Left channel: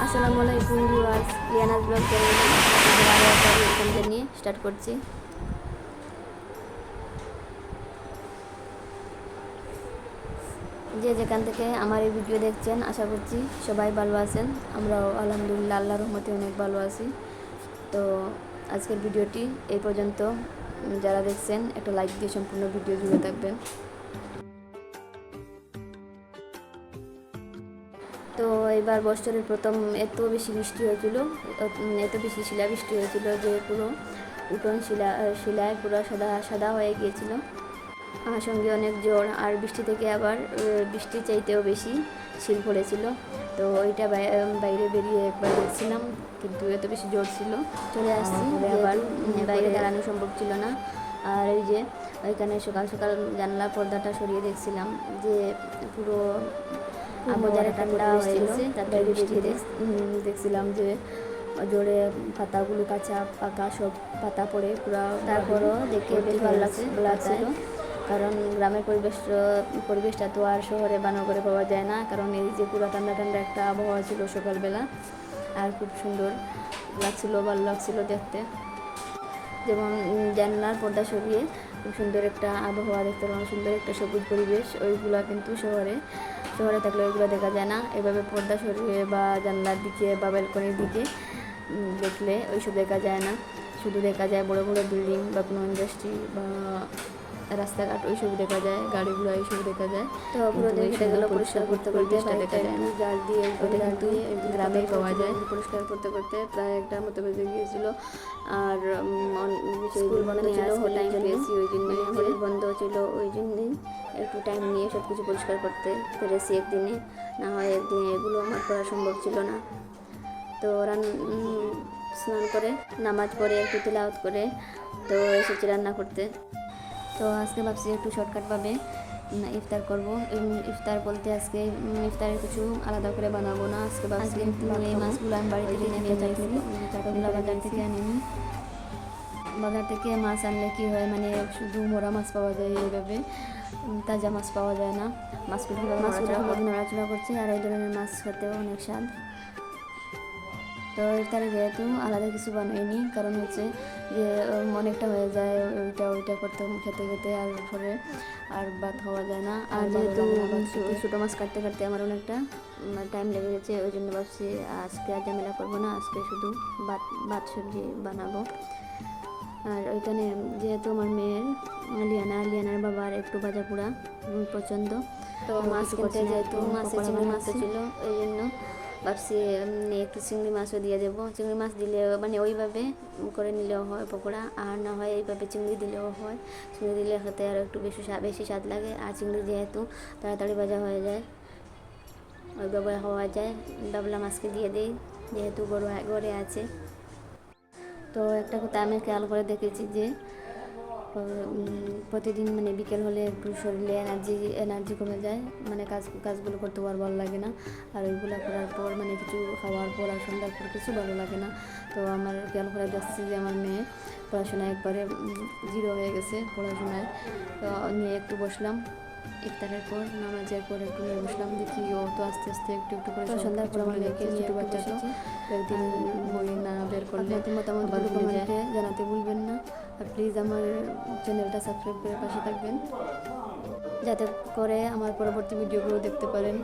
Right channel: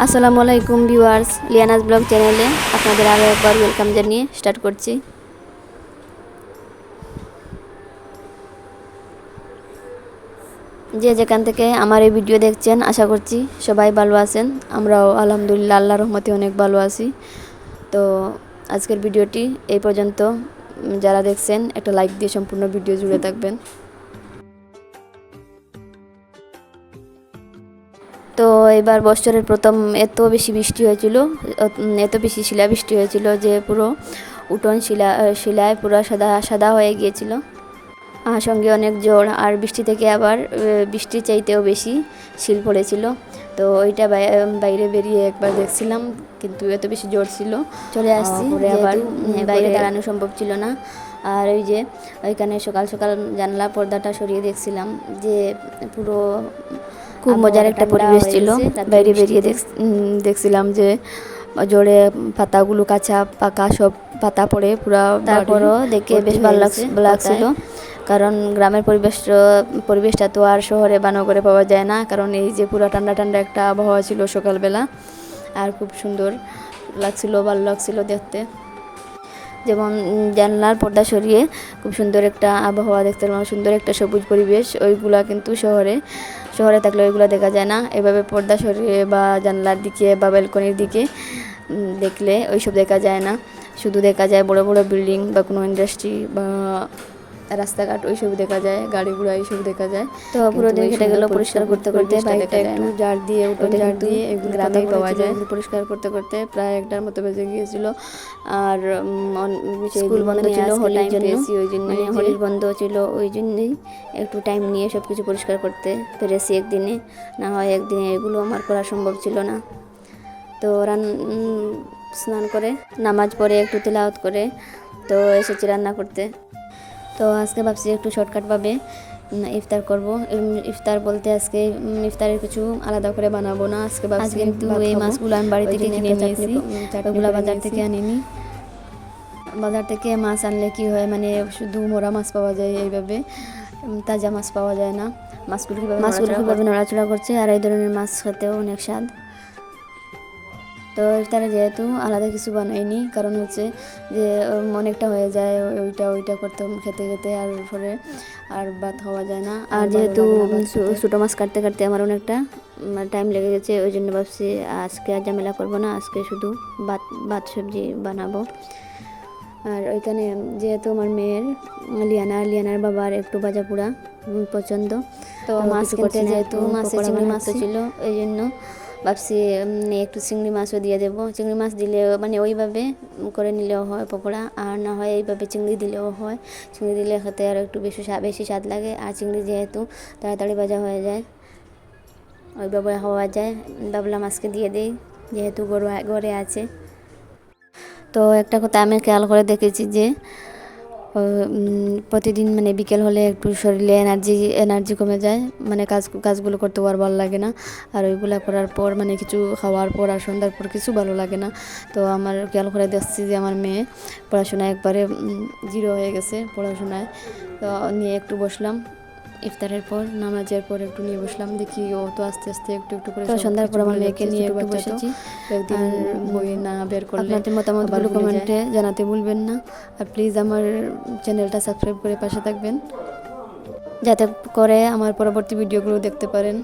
আসসালামু আলাইকুম viewers, লিয়ানাস blog চ্যানেলে আপনাদের আরও একবার ওয়েলকাম জানিয়ে স্টার্ট করছি। যে যেখান থেকে আমার এই ভিডিও দেখছেন আশা করছি সবাই ভালো আছেন। আমরাও আলহামদুলিল্লাহ আল্লাহর রহমতে অনেক ভালো আছি। তো আজকের ভিডিওটি এই পর্যন্ত। যারা দেখছেন একটা লাইক দিয়ে সম্পূর্ণ ভিডিও জুড়ে থাকবেন। তো এবার বছরের প্রথম এত বেশি বৃষ্টি হয়েছিল, এত বেশি শিলাবৃষ্টি হয়েছিল যে পুরো উঠোন শিলায় পুরো সাদা সাদা হয়ে গিয়েছিল। সঙ্গে অনেক ঝড়, আর বৃষ্টি থেকে আবার বৃষ্টির চাইতেও বেশি শিল পড়েছিল। তো ওইটা বাইরে বেরিয়ে একবার দেখছিলাম, কিন্তু এত বেশি জোর ছিল চলে আসছি, আবার বাইরে দাঁড়ানো সম্ভব ছিল না। আর ওই যে ওইখানে সকাল সকাল জানলা পর্দাটা সরিয়ে দেখছিলাম যে পুরো খুব মজার একটা পরিবেশ ছিল। বাইরে বেরিয়ে দেখছিলাম যে জোরে পাতাগুলো কাঁচা পাকা সব পাতা পড়ে পুরো, তারপরও দেখে বেশ ভালো লাগছিল। কারণ গ্রামের পরিবেশটা তো আর শহরে বানগরে পাওয়া যায় না, কারণ এই যে পুরো ঠান্ডা ঠান্ডা একটা আবহাওয়া ছিল সকালবেলা, আর খুব সুন্দর লাগছিল, ভালো লাগছিল দেখতে। যেমন জানলার পর্দা সরিয়ে খুব সুন্দর একটা আবহাওয়া দেখতে পেলাম, সুন্দর একটা সবুজ পরিবেশ। ওইগুলা কিন্তু শহরে থাকলে ওইগুলো দেখা যায় না। এভাবে পর্দা সরিয়ে বা জানলার দিকে বা ব্যালকনির দিকে দেখলে ওইসব দেখা যায় না, শুধু দেখা যায় বড় বড় বিল্ডিং বা কোনো ইন্ডাস্ট্রি বা রাস্তাঘাট ওইসব দেখা যায়, গাড়ি ঘোড়া এইসব দেখা যায়। তো পুরো দিন কেটে গেল পরিষ্কার করতে করতে, বাইকটা একটু ঝাড় দিয়ে গ্রামেই পাওয়া যায়। পরিষ্কার করতে করতে প্রায় 1টার মতো বেজে গিয়েছিল। আর স্কুল বন্ধ ছিল হোলির জন্য, ওই জন্য হোলির বন্ধ ছিল, ওই জন্যই একটু টাইম নিয়ে সব কিছু পরিষ্কার করতে পেরেছি একদিনে। না হয় একদিনে এগুলো আমার করা সম্ভব ছিল না। তো স্নান করে নামাজ পড়ে একটু তেলাওয়াত করে তো এসেছি রান্না করতে। তো আজকে ভাবছি একটু শর্টকাটভাবে ইফতার করব। ইফতার বলতে আজকে ইফতারের কিছু আলাদা করে বানাবো না। আজকে ভাবছি কিন্তু এই মাছগুলো আমি বাড়ি থেকে কিনে নিয়েছি, ওগুলো বাজার থেকে আনিনি। বাজার থেকে মাছ আনলে কি হয়, মানে শুধু মোরা মাছ পাওয়া যায়, এইভাবে তাজা মাছ পাওয়া যায় না। মাছগুলো কীভাবে নড়াচড়া করছে, আর এই ধরনের মাছ খেতেও অনেক স্বাদ। তো ইফতারে যেহেতু আলাদা কিছু বানাইনি, কারণ হচ্ছে যে অনেকটা হয়ে যায় ওইটা করতে খেতে খেতে, আর পরে আর ভাত খাওয়া যায় না। আর যেহেতু ছোটো মাছ কাটতে কাটতে আমার অনেকটা টাইম লেগে গেছে, ওই জন্য ভাবছি আজকে আর ঝামেলা করবো না, আজকে শুধু ভাত সবজি বানাবো। আর ওইখানে যেহেতু আমার মেয়ের লিয়ানার বাবার একটু ভাজা পোড়া পছন্দ, তো মাছ কিনতে যেহেতু চিংড়ি মাছ ছিল, ওই জন্য ভাবছি একটু চিংড়ি মাছও দিয়ে দেবো। চিংড়ি মাছ দিলে মানে ওইভাবে করে নিলেও হয় পকোড়া, আর না হয় এইভাবে চিংড়ি দিলেও হয়। চিংড়ি দিলে খেতে আর একটু বেশি স্বাদ লাগে, আর চিংড়ি যেহেতু তাড়াতাড়ি ভাজা হয়ে যায়, ওইভাবে হওয়া যায়। বাবলা মাছকে দিয়ে দিই যেহেতু ঘরে আছে। তো একটা কথা আমি খেয়াল করে দেখেছি যে প্রতিদিন মানে বিকেল হলে একটু শরীরে এনার্জি কমে যায়, মানে কাজগুলো করতেও আর ভালো লাগে না। আর ওইগুলো করার পর মানে কিছু খাওয়ার পর আর সন্ধ্যার পর কিছু ভালো লাগে না। তো আমার খেয়াল করে দেখছি যে আমার মেয়ে পড়াশোনায় একবারে জিরো হয়ে গেছে পড়াশোনায়। তো নিয়ে একটু বসলাম, ইফতারের পর নামাজের পর একটু নিয়ে বসলাম, দেখি ও তো আস্তে আস্তে একটু একটু করে সন্ধ্যার পর আমার মেয়েকে নিয়ে একটু বসেছি। একদিন বই না বের করলে আপনাদের মতামতগুলো কমেন্টে জানাতে ভুলবেন না। আর প্লিজ আমার চ্যানেলটা সাবস্ক্রাইব করে পাশে থাকবেন, যাতে করে আমার পরবর্তী ভিডিওগুলো দেখতে পারেন।